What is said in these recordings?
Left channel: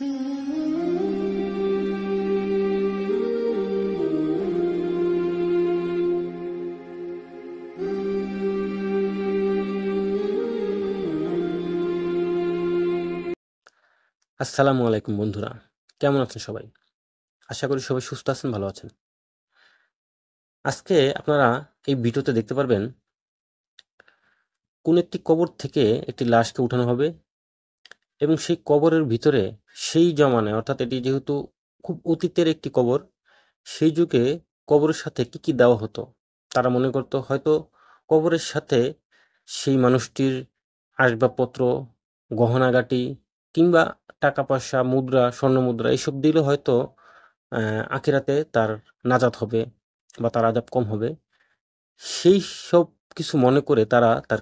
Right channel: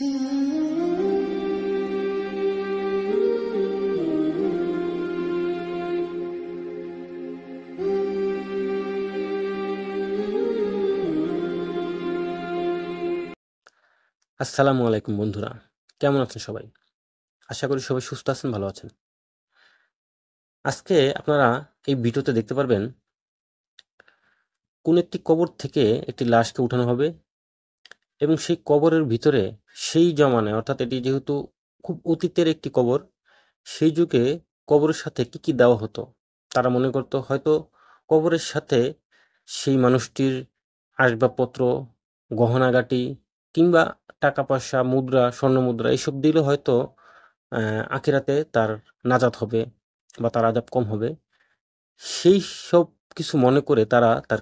আসসালামু আলাইকুম বন্ধুরা, কেমন আছেন সবাই? আশা করি সবাই সুস্থ আছেন, ভালো আছেন। আজকে আপনারা এই ভিডিওতে দেখতে পারবেন কোন একটি কবর থেকে একটি লাশকে উঠানো হবে এবং সেই কবরের ভিতরে সেই জমানায়, অর্থাৎ এটি যেহেতু খুব অতীতের একটি কবর, সেই যুগে কবরের সাথে কি কি দেওয়া হতো। তারা মনে করতো হয়তো কবরের সাথে সেই মানুষটির আসবাবপত্র, গহনাগাটি কিংবা টাকা পয়সা, মুদ্রা, স্বর্ণ মুদ্রা এসব দিলে হয়তো আখিরাতে তার নাজাত হবে বা তার আযাব কম হবে। সেই সব কিছু মনে করে তারা তার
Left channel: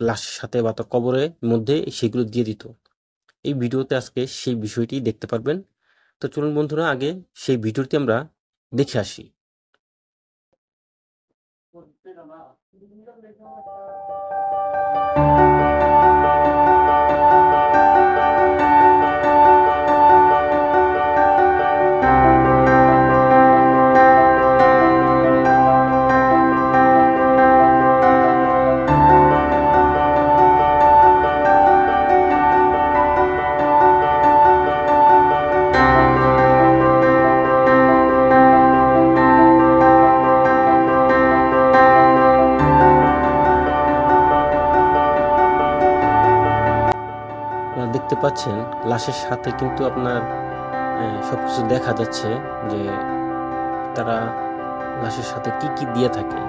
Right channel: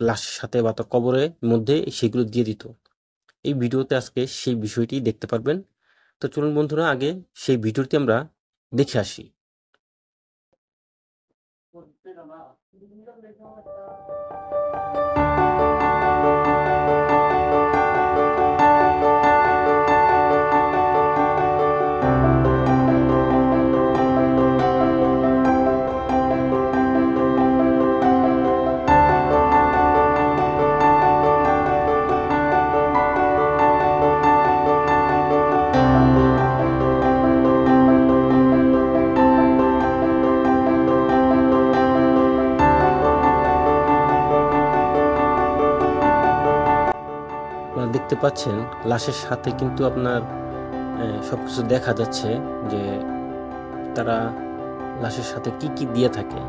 লাশের সাথে বা তার কবরের মধ্যে সেগুলো দিয়ে দিত। এই ভিডিওতে আজকে সেই বিষয়টি দেখতে পারবেন। তো চলুন বন্ধুরা, আগে সেই ভিডিওটি আমরা দেখে আসি। আপনারা দেখতে পাচ্ছেন লাশের সাথে কিন্তু আপনার সবকিছু দেখা যাচ্ছে যে তারা লাশের সাথে কি কি দিয়ে থাকে।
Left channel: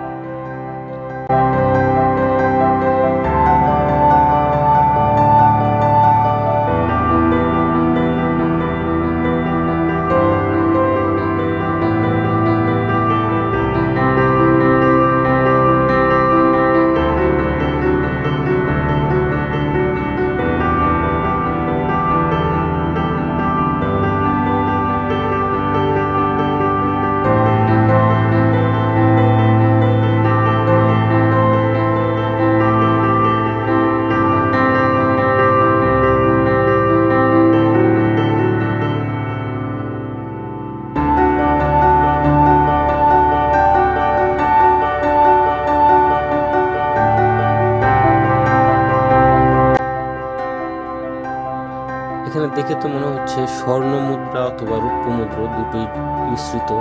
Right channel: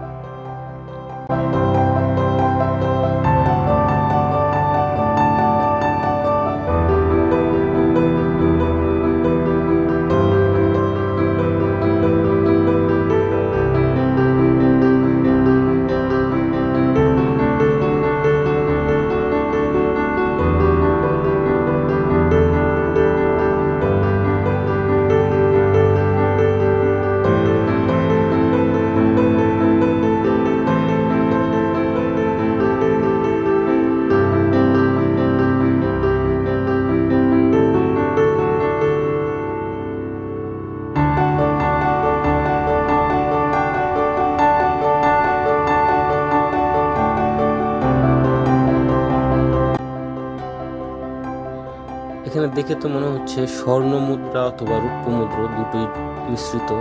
এখানে দেখে তো মনে হচ্ছে স্বর্ণ মুদ্রা অথবা রৌপ্য মুদ্রা দুটোই মিশ্রিত,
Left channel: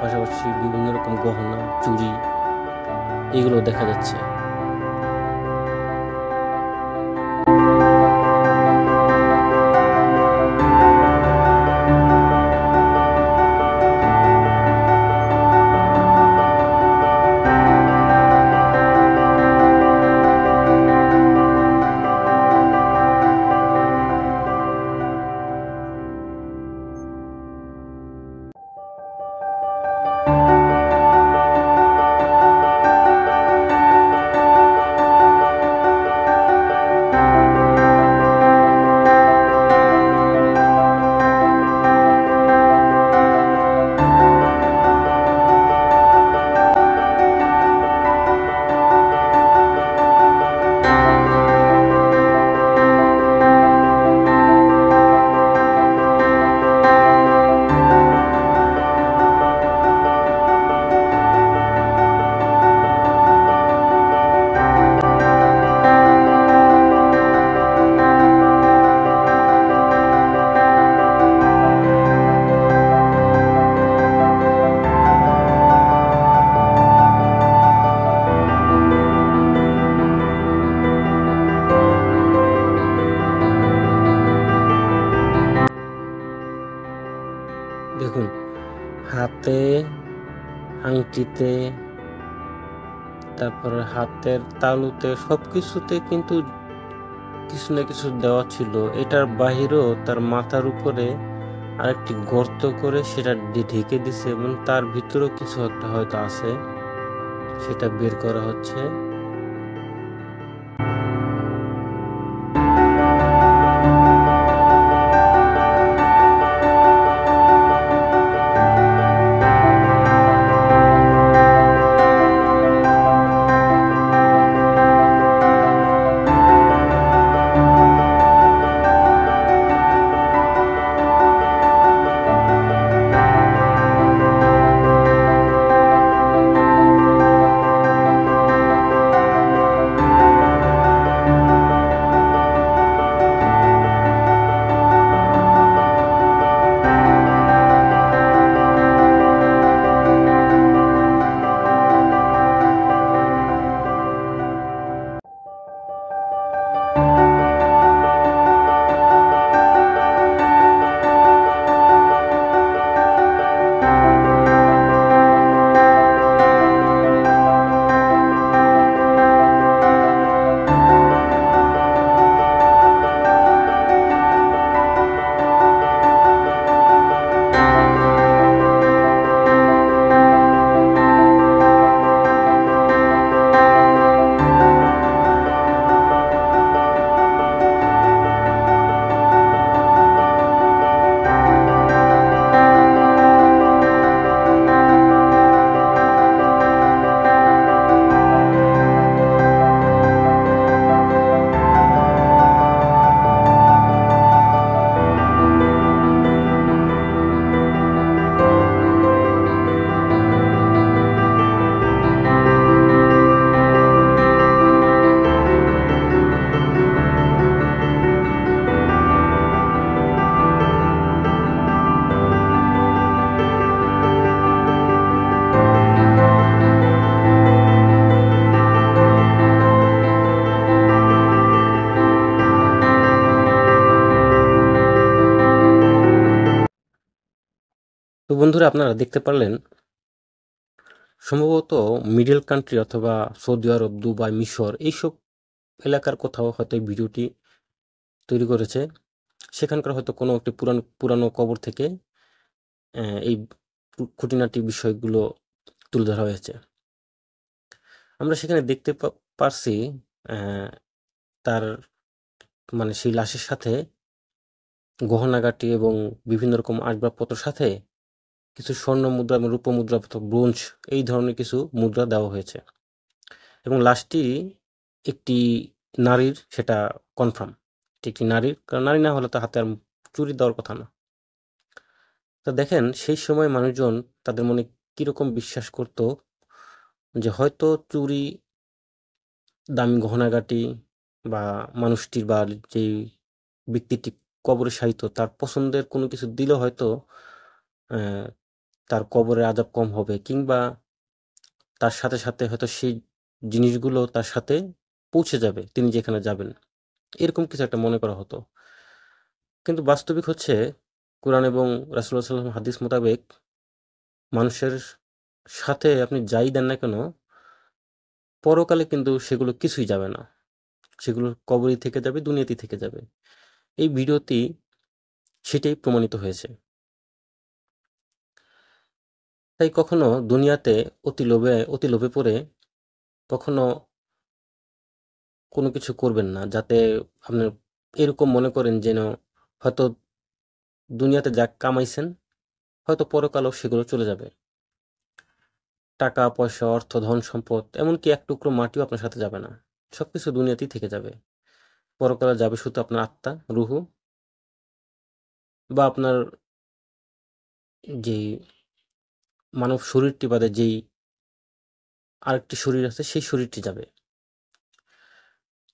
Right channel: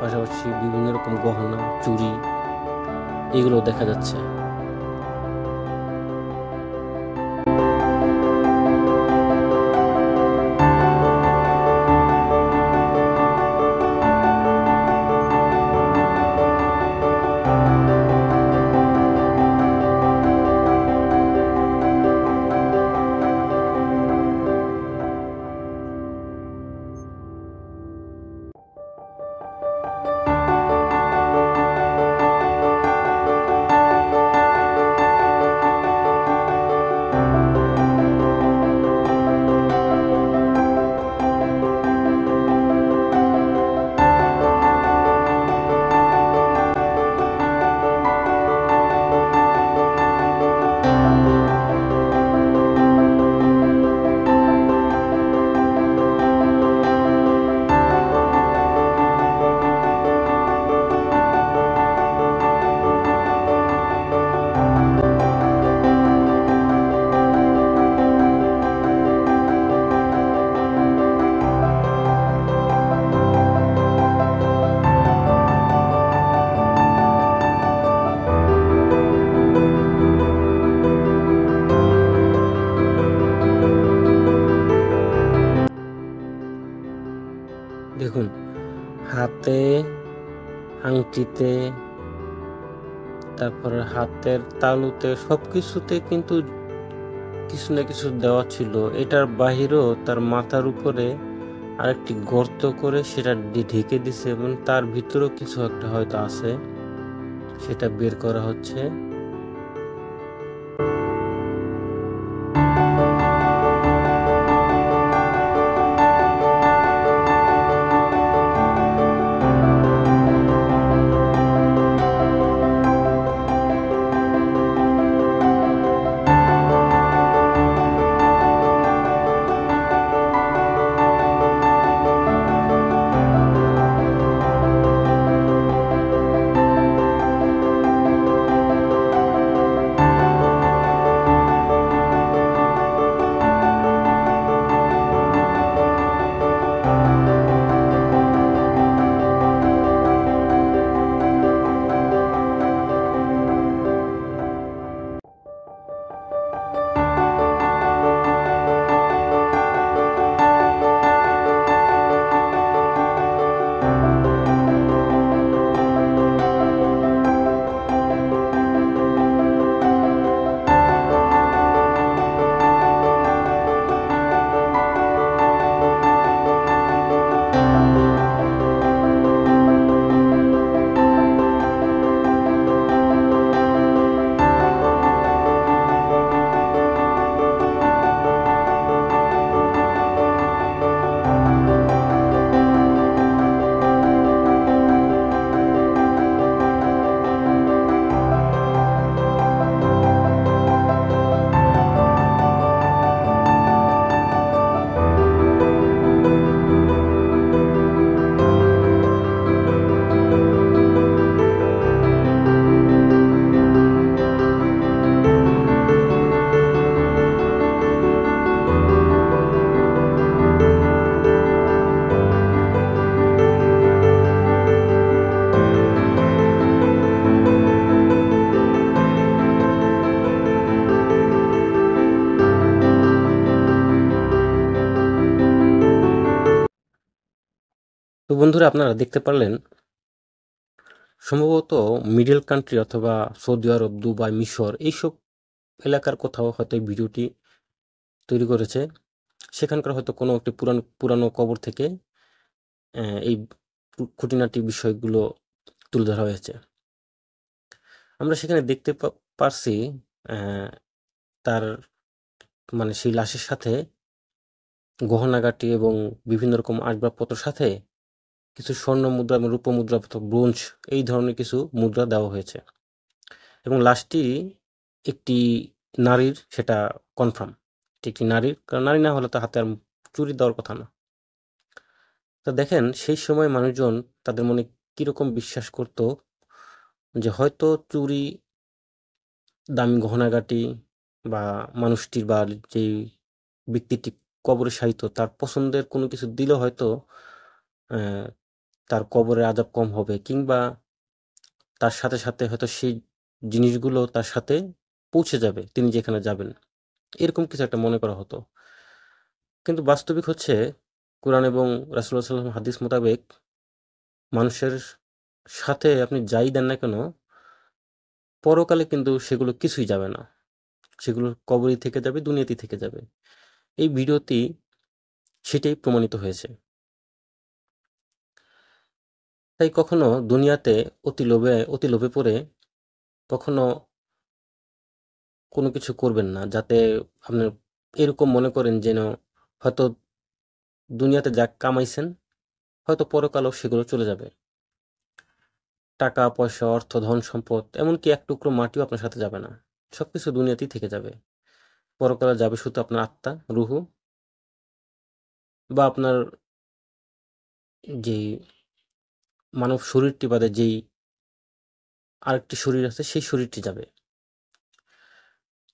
পাশাপাশি বিভিন্ন রকম গহনা, চুড়ি এগুলো দেখা যাচ্ছে। দেখুন, হাতে, আংটিতে, তারপরে হাতের তালুতে সবকিছুতে কিন্তু কিছু না কিছু দেওয়া ছিল। এটার বাহিরেও তার মাথার উপরে আরেকটি গর্ত করে সেটা ঢেকে দিছে এবং তার ভিতরেও কিছু একটা হয়তো আছে, সেটা বের করা হচ্ছে। তো বন্ধুরা, আপনারা দেখতে পারলেন সম্ভবত মিডল কান্ট্রি অথবা সৌদি আরব, দুবাই, মিশর এইসব এলাকার কোথাও হয়তো এই ভিডিওটি তৈরি করেছে। সেখানকার হয়তো কোনো একটি পুরানো কবর থেকে এই খুঁটিনাটি বিষয়গুলো তুলে ধরা হয়েছে। আমরা সেখানে দেখতে পারছি তার মানে সেই লাশের সাথে গহনাগাটি এবং বিভিন্ন রকম আসবাবপত্রের সাথে কিছু স্বর্ণ মুদ্রা এবং রূপো মুদ্রা, ব্রোঞ্জ এই ধরনের কিছু মুদ্রা দেওয়া হয়েছে এবং লাশটি একটি নারীর, সেটা কনফার্ম এটি একটি নারীর, কারণ নারী না হলে তো হাতে আর চুরি দেওয়ার কথা না। তা দেখেন সেই সময় মানুষজন তাদের মনে কিরকম বিশ্বাস করত যে হয়তো চুরি, দামি গহনাগাটি বা মানুষটির বা যেই ব্যক্তিটি কবরে শায়িত তার পছন্দের কোনো কিছু দিলে হয়তো তার কবরের আযাব কম হবে, কিংবা তার সাথে সাথে হয়তো সেই জিনিসগুলো তার সাথে পৌঁছে যাবে তিনি যেখানে যাবেন, এরকম কিছু একটা মনে করা হতো। কিন্তু বাস্তবিক হচ্ছে কোরআন এবং রাসূলুল্লাহ সাল্লাল্লাহু আলাইহি ওয়াসাল্লাম হাদিস মোতাবেক মানুষের সাথে আপনি যাই দেন না কেন, পরকালে কিন্তু সেগুলো কিছুই যাবে না, সেগুলো কবরই থেকে যাবে, দুনিয়াতেই থেকে যাবে। এই ভিডিওটি সেটাই প্রমাণিত হয়েছে। তাই কখনো দুনিয়াতে অতি লোভে পড়ে কখনো কোনো কিছু করবেন না, যাতে আপনার এরকম মনে করেন যেন হয়তো দুনিয়াতে যা কামাইছেন হয়তো পরকালেও সেগুলো চলে যাবে। টাকা পয়সা, অর্থ, ধন সম্পদ, এমনকি এক টুকরো মাটিও আপনার সাথে যাবে না। সবকিছু দুনিয়াতেই থেকে যাবে। পরকালে যাবে শুধু আপনার আত্মা, রুহু, বা আপনার যেই মানব শরীরটি বাদে যেই আরেকটি শরীর আছে সেই শরীরটি যাবে।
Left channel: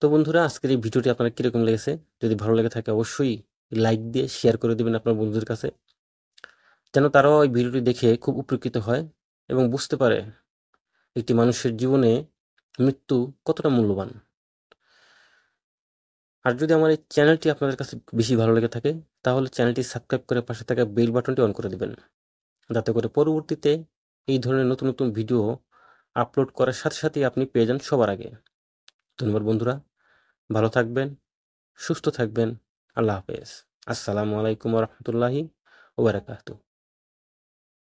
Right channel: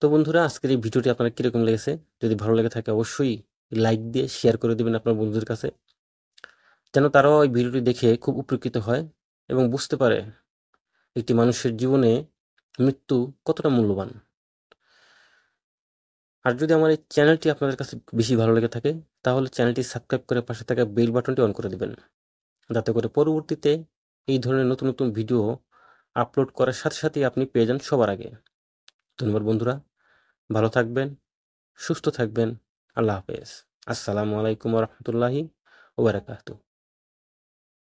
তো বন্ধুরা, আজকের এই ভিডিওটি আপনার কিরকম লেগেছে? যদি ভালো লেগে থাকে অবশ্যই লাইক দিয়ে শেয়ার করে দিবেন আপনার বন্ধুদের কাছে, যেন তারাও এই ভিডিওটি দেখে খুব উপকৃত হয় এবং বুঝতে পারে একটি মানুষের জীবনে মৃত্যু কতটা মূল্যবান। আর যদি আমার এই চ্যানেলটি আপনাদের কাছে বেশি ভালো লেগে থাকে, তাহলে চ্যানেলটি সাবস্ক্রাইব করে পাশে থাকা বেল বাটনটি অন করে দিবেন, যাতে করে পরবর্তীতে এই ধরনের নতুন নতুন ভিডিও আপলোড করার সাথে সাথেই আপনি পেয়ে যান সবার আগে। ধন্যবাদ বন্ধুরা, ভালো থাকবেন, সুস্থ থাকবেন। আল্লাহ হাফেজ। আসসালামু আলাইকুম ওয়া রাহমাতুল্লাহি ওয়া বারাকাতুহু।